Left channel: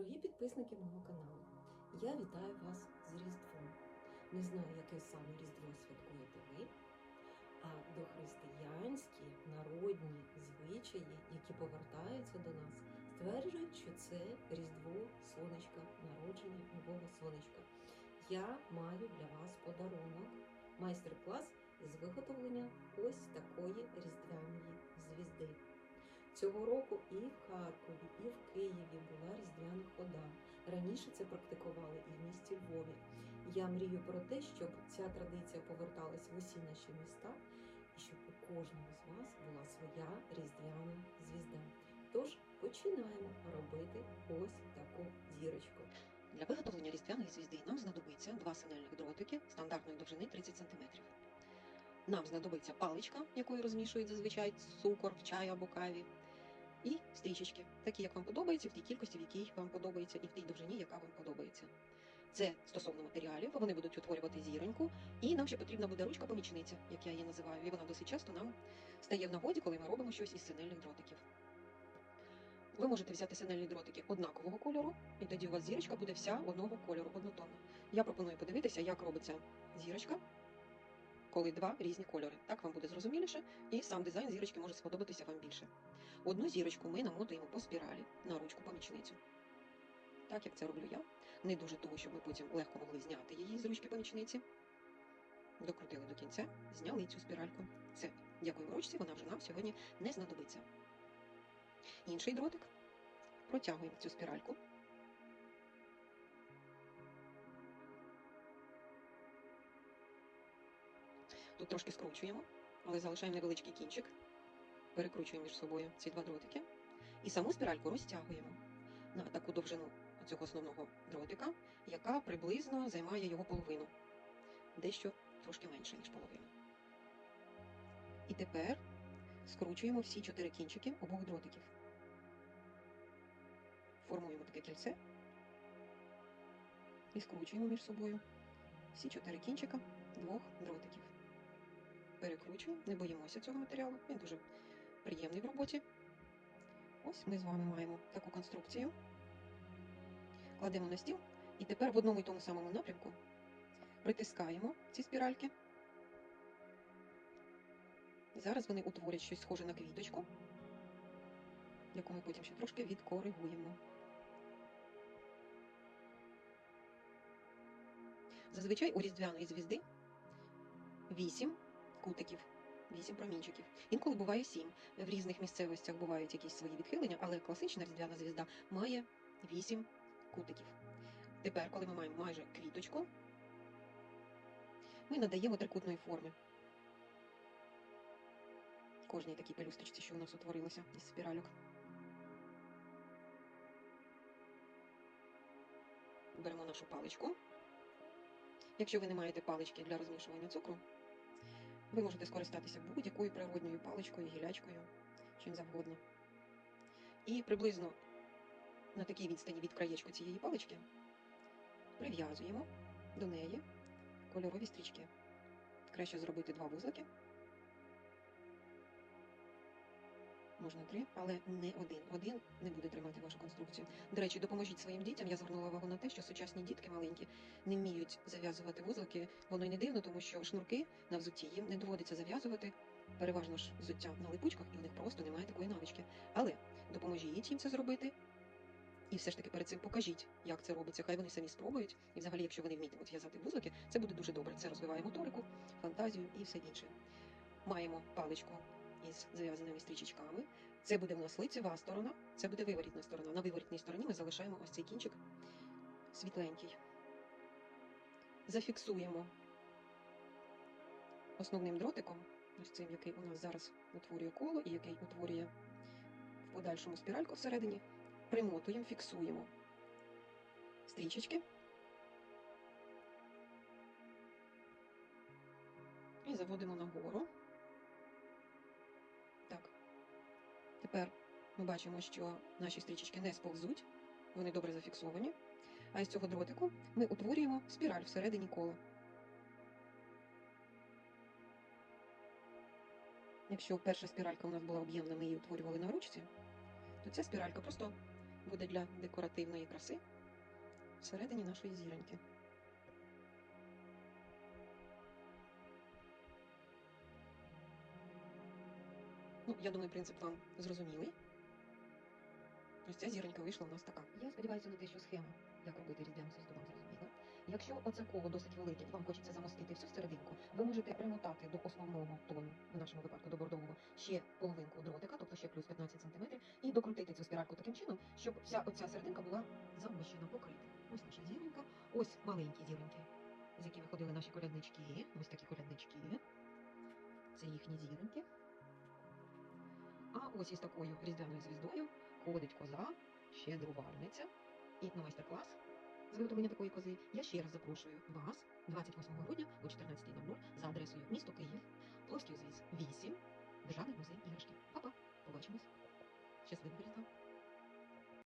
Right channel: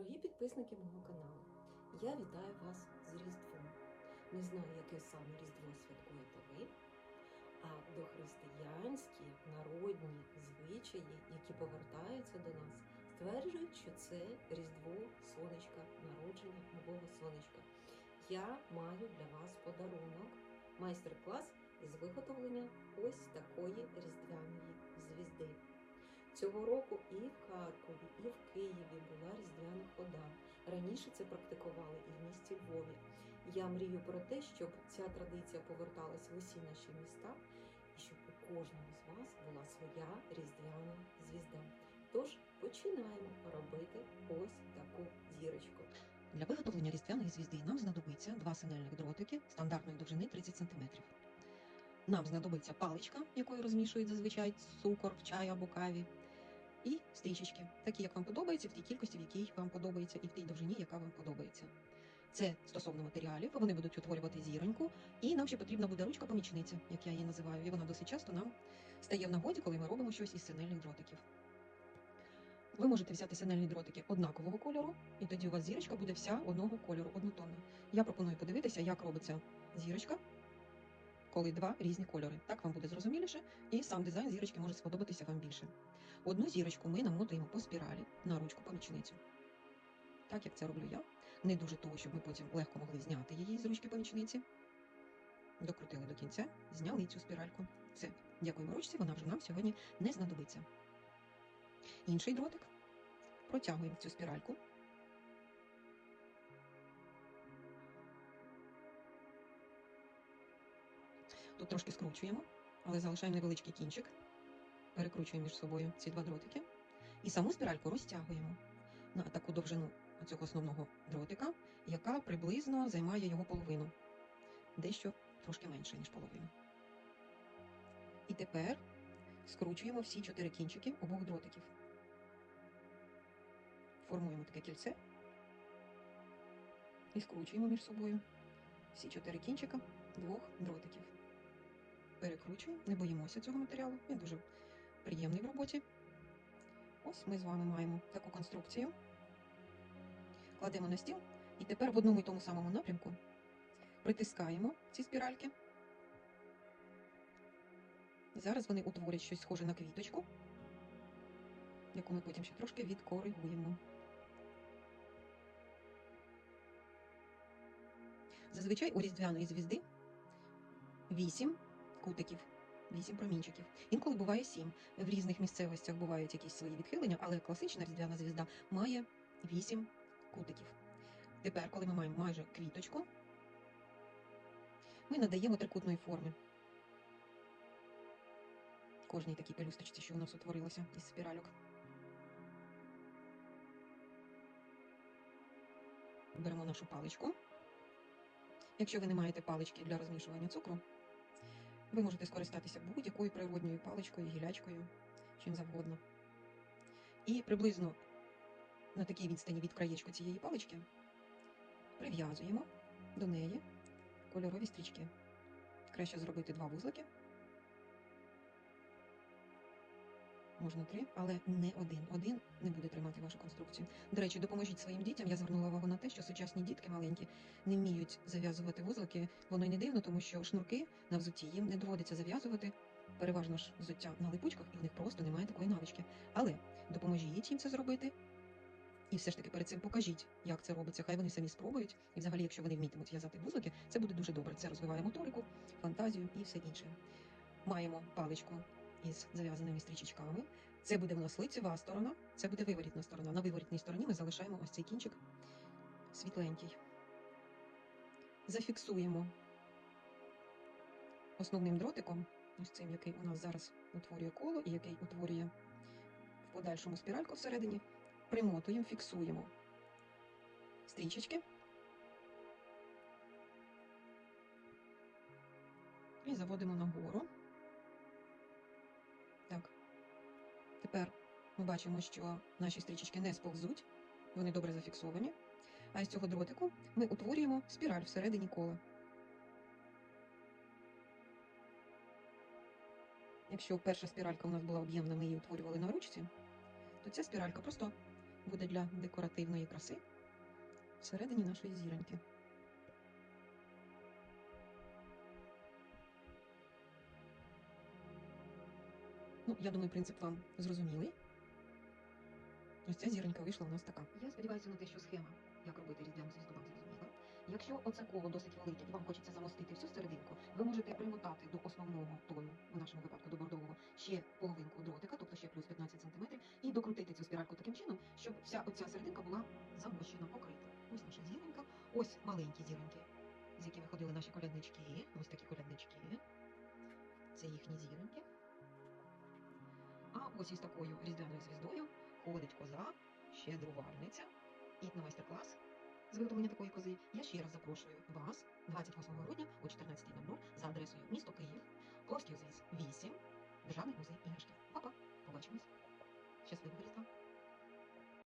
Дорогі підписники мого каналу, я вітаю вас з Різдвом. Не знаю, яке саме Різдво святкуєте ви, а дохристиянські народні звичаї, які повертаються до нас, стверджують, що це Різдво сонечка, народження нового сонечка. Я маю для вас подарунок, майстер-клас із виготовлення ось такої різдвяної звізди. Цього року і в Харкові, і в Києві була різдвяна хода. Раніше це практикували і в місті Львові. Я мрію про те, щоб ця традиція поверталась в усі наші міста, і щоб у кожного з вас була своя різдвяна звізда. Тож починаємо робити ось таку зірочку. Для виготовлення різдвяної звізди нам знадобиться два сигнальних дротики стандартної довжини 30 см. Нам знадобиться паличка, якою розмішують зазвичай цукор в чай або каві, і стрічечки, такі, як вам подобається, в тій кількості, в якій вам подобається, і в тій довжині, яка вам подобається. Це стосовно матеріалів, вони будуть утворювати зіроньку, і нам ще потрібна буде ручка помічниця, як я її називаю, і вона досить часто нам стає в нагоді, коли ми робимо щось із сигнальних дротиків. Ви можете взяти сигнальні дротики однакового кольору, і тоді у вас зірочка буде вся одного кольору, однотонна. Я пропоную подивитися, як робиться зірочка, коли два різні кольори. Так вам буде зрозуміліше, і сам дизайн зірочки може сподобатися вам більше. Одну зірочку ми намотуємо по спіралі на ручку помічницю. Так як це роблю я. Не дуже того, щоб ми потім легко могли зняти її з ручки помічниці. Докрутили до кінця, зняли цю спіральку. Все, дякуємо ручці, вона вже нам сьогодні не знадобиться. Інший дротик протягуємо цю спіральку. Трошки скручуємо, але залишаємо невеличкий кінчик. Перекручуємо між собою ці два дротики. І саму спіральку розтягуємо на таку довжину цього основного дротика, яка приблизно займає його половину. Дещо трошки менше, ніж половину. І тепер скручуємо всі чотири кінчики обох дротиків. Формуємо таке кільце і скручуємо між собою всі чотири кінчика двох дротиків. Перекручуємо, не боїмося цього матеріалу, він дуже приємний в роботі. Ось ми з вами маємо таку конструкцію. Кладемо на стіл і тепер в одному і тому самому напрямку притискаємо ці спіральки. І зараз вони утворять щось схоже на квіточку, яку ми потім ще трошки відкоригуємо. Зазвичай у різдвяної звізди 8 кутиків, 8 промінчиків. Інколи буває 7. В різних місцевостях бувають якісь свої відхилення, але класична різдвяна звізда має 8 кутиків. Тепер, коли ми маємо майже квіточку, ми надаємо трикутної форми. Кожній такій пелюсточці, що у нас утворилося із спіральок. Беремо нашу паличку. Якщо ви не маєте палички для розмішування цукру, ви можете скористатися будь-якою природньою паличкою, гілячкою, чим завгодно. І приблизно на такій відстані від краєчку цієї палички прив'язуємо до неї кольорові стрічки. Краще зробити два вузлики. Можна три, але не один. Один не буде тримати вашу конструкцію. До речі, допоможіть своїм дітям. Я звернула увагу на те, що сучасні дітки маленькі не вміють зав'язувати вузлики. Воно не дивно, тому що шнурки на взутті їм не доводиться зав'язувати. Переважно ж взуття на липучках, і в них просто немає такої навички. Але допоможіть їм це зробити. І все ж таки перед цим покажіть, як це робиться. Хай вони самі спробують. І взагалі, якщо вони вмітимуть в'язати вузлики, це буде дуже добре. Це розвиває моторику, фантазію і все інше. Маємо паличку із зав'язаними стрічечками. Це буде у нас лицева сторона, це буде виворітна сторона. На виворітній стороні ми залишаємо ось цей кінчик світленький. Зафіксуємо основним дротиком, ось цим, який у нас зараз утворює коло і який утворює в подальшому спіральку всередині. Примотуємо, фіксуємо стрічечки. І заводимо нагору. Ми бачимо, що наші стрічечки не сповзуть, вони добре зафіксовані. А із цього дротику ми утворюємо спіраль всередині кола. Якщо перша спіралька у нас була об'ємна, ми її утворювали на ручці, то ця спіралька просто буде для декоративної краси всередині нашої зіроньки. Ну, я думаю, принцип вам зрозумілий. Ось ця зіронька вийшла у нас така. Я сподіваюся на те, що схема, як робити різдвяну звізду, вам зрозуміла. Якщо оце коло досить велике і вам хочеться замостити всю серединку, ви можете примотати до основного тону, в нашому випадку до бордового, ще половинку дротика, тобто ще плюс 15 см, і докрутити цю спіральку таким чином, щоб вся оця серединка була замощена, покрита. Ось наша зіронька, ось маленькі зіроньки, з яких виходили наші коляднички. Ось такі коляднички. Це їхні зіроньки. А ось із такою різдвяною звіздою ходить коза, щедрувальниця і на майстер-клас з виготовлення такої кози я ще раз запрошую вас 28 грудня о 14.00 за адресою місто Київ, Пловський узвіз 8, Державний музей іграшки. Па-па, побачимось. Щасливого Різдва!